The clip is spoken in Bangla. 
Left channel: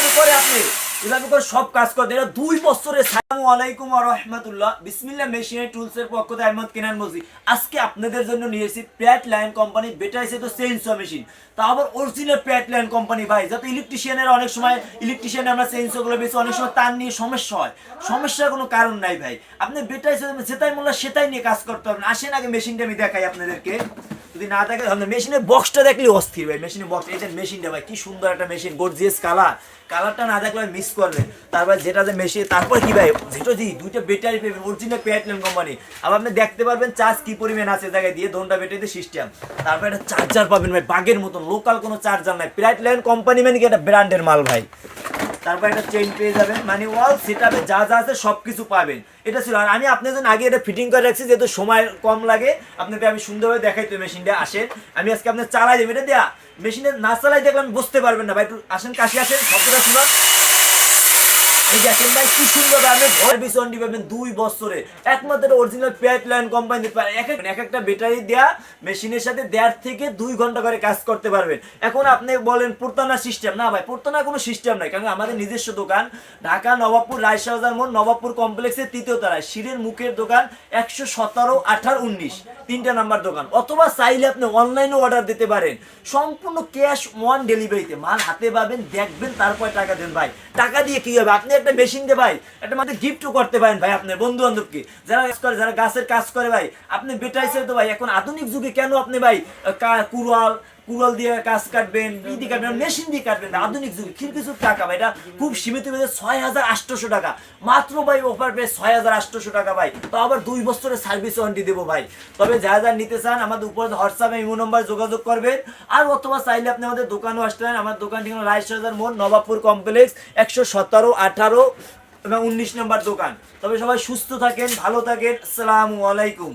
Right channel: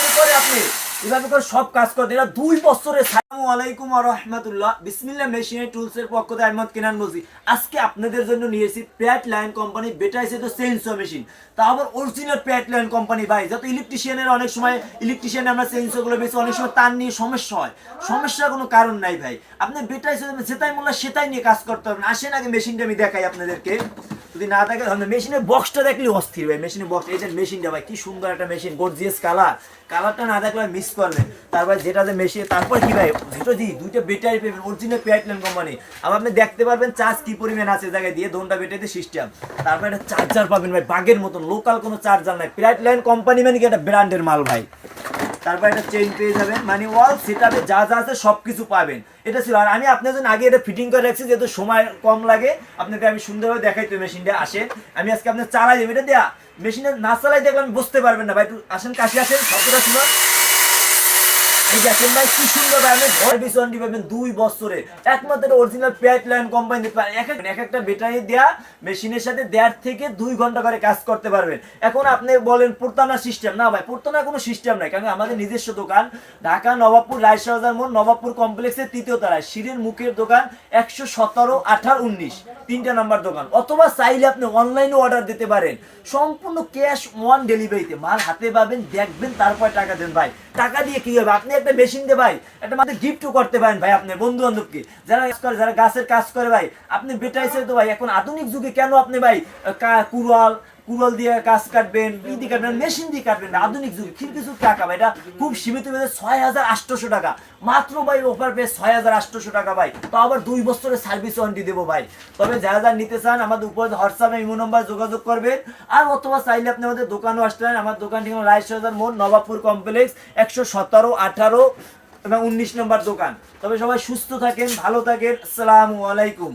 এভাবে করে আপনি এভাবে করে সব কাজ করতে এটা 2 বছরের। আসসালামু আলাইকুম ওয়া রাহমাতুল্লাহ, বিসমিল্লাহ মেশিনারি টুলসের পক্ষ থেকে আহমদ কিনান বলছি। আজকে আপনাদের জন্য নিয়ে এসেছি প্যাট লাইন কোম্পানি বেটার এসে তো চেইনসো মেশিন, তা আবার অরিজিনাল প্যাট লাইন কোম্পানি ভাই। যাতে ইলেকট্রিশিয়ানের অনেক সময় ইলেকট্রিশিয়ানে আমরা চেইনসোগুলো বেশি অনেক সময় তার নিয়ে সমস্যা হয়, সমস্যার কোনো কারণ নাই ভাই। আপনি বেটার এসে যেটাই মূল্য সেটাই নিয়ে কাজ করতে পারবেন। আসেন আগে মেশিনটা আমি দেখাই আপনাদেরকে, যদি না দেখে মেশিনের বক্সটা দেখলে অস্থির ভাই। মেশিনের বক্স, এই যে মেশিনটা ভাই কি সুন্দর একটা মেশিন, গর্জিয়াস কালার, কালারটা না দেখলে মিস করবেন। তারপর যেটা যে মেশিন, তারপর কি ভাই যেটা জি দুইটা ব্যাটারি পাবেন অরিজিনাল প্যাটলেন কোম্পানি। আবার আপনি দেখতে পারবেন চার্জ কি পরিমাণ আছে জায়গায় দিয়ে, দোনটা ব্যাটারিতে সিস্টেম। তারপর একটা চার্জার পাবেন ভাই, বাগের মতন লোকাল কোনো চার্জার নাই, প্যাটলেন কোম্পানি মানে কি একটা ব্র্যান্ডের মাল ভাই। তারপর একটা চেইন পেয়ে যাবেন, মানে ওয়াল সেটআপে যা যা আছে সবকিছু পাবেন। এটা ছিল। আর আমি আপনাদের জন্য আগে এটা ফিটিং করে রাখছি যেহেতু সময় কম লাগে, আপনাকে আমি সুন্দরভাবে দেখাই। তো মেশিনটা আসেন, আমি আজকে আপনার চালাই দেবো। এটা দেয়া মেশিনে না চালাই দেখবেন বুঝতে পারবেন না ভাই। একটু আসেন, কাছে আসেন, শব্দটা শুনো। এই দেখেন ভাই কি সুন্দর, আপনি ঘর বিছন্ডি পাবেন 2 বছরে একমাত্র অরিজিনাল প্যাট লাইন কোম্পানি। এক একটা ব্যাটারি দেয়া মেশিনের সাথে 1.5 থেকে 2 ঘন্টা করে কাজ করতে পারবেন। এখন আপনি বলেন পুরতানা সিস্টেম, না ভাই পুরতানার কোনো সিস্টেম নাই, কারণ আমাদের নিজস্ব দোকান ঢাকা নবাবপুর রায়শাহ বাজার মোড় নবাবপুর কমপ্লেক্সের 3য় তলায়, সিঁড়ির মুখের দোকান 117, 18, 19 3টা নাম্বার দোকান। অথবা চাইলে আপনি অনলাইনে অর্ডার দিতে পারেন, সম্পূর্ণ ক্যাশ অন ডেলিভারিতে মাল হাতে পাবেন, দেখবেন তারপর টাকা দেন ভাই। টাকা দিয়ে কি হবে, আপনি একটা মেশিন দিয়ে ভাই একটা মাত্র গিফটও করতে পারেন ভাই আপনার বন্ধু বান্ধবকে, যারা কাজ করে, যারা গাছের কাজ করে ভাই। আপনি বেটা হিসেবে তো ভাই এখন আধুনিক যুগে কেন আপনি ভাই কুড়াল কুড়াল দিয়ে কাজ কাটবেন, ইদি কাটবেন, মেশিন দিয়ে কাটবেন। আধুনিক যুগে কিছু টাকা ভাই, এটা খুব সীমিত বেঁধে 6,800 টাকা মাত্র ভাই, অফার পেয়ে 6,800 টাকা ভাই। তো আবার 2 বছরের সার্ভিস ওয়ারেন্টি দেবো ভাই। তবে যারা যারা নিতে চান আমাদের উপরে হোয়াটসঅ্যাপে ইমো নম্বর যোগাযোগ করবেন। আর অথবা চাইলে আপনি আমাদের দোকানেও আসতে পারেন। আমার দোকান ঠিকানা রায়শাহ বাজার মোড় নবাবপুর কমপ্লেক্স 117, 18 এবং 19 নম্বর দোকান। তবে সবাই সুস্থ থাকেন, ভালো থাকেন। আসসালামু আলাইকুম।